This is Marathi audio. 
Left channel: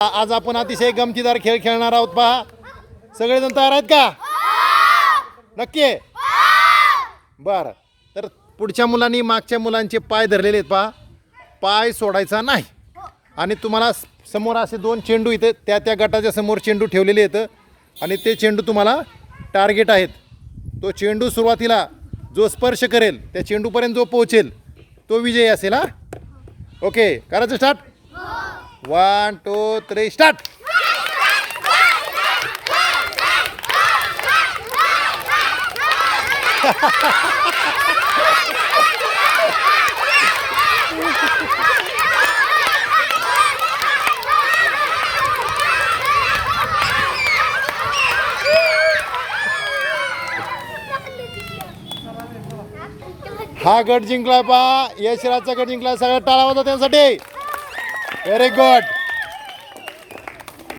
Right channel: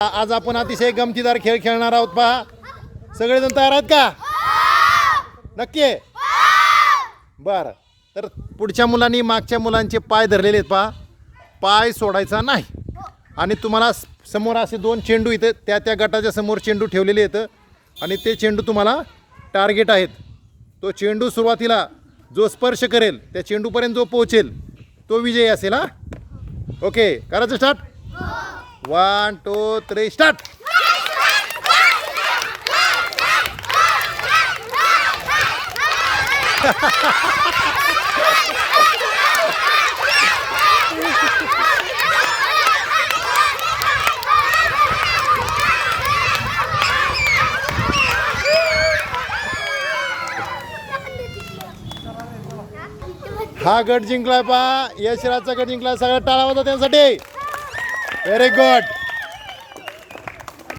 आज आपण अतिशय गमतीदार खेळ खेळणार आहोत पहा. सगळेजण तयार आहेत का? नक्की? बर. बरं तर पुढच्या मुलांनी मागच्या मुलांचे पाय धरलेले आहेत पहा. पाय सोडायचा नाही. आणि तुम्हाला समोर असे दोन चेंडू इथं त्या त्या गटाच्या समोर चेंडू ठेवलेले आहेत. आणि ते चेंडू तुम्हाला टार्गेट आहेत. तो चेंडू सुरुवातीला जो स्पर्श करेल त्या चेंडूपर्यंत जो पोहोचेल तो विजयी असेल हा? ओके. करायचं start one two three start हा गट जिंकलाय पा यशराजचा गट जिंकलाय. सगळ्यात टाळा होता त्यांसाठी. very good.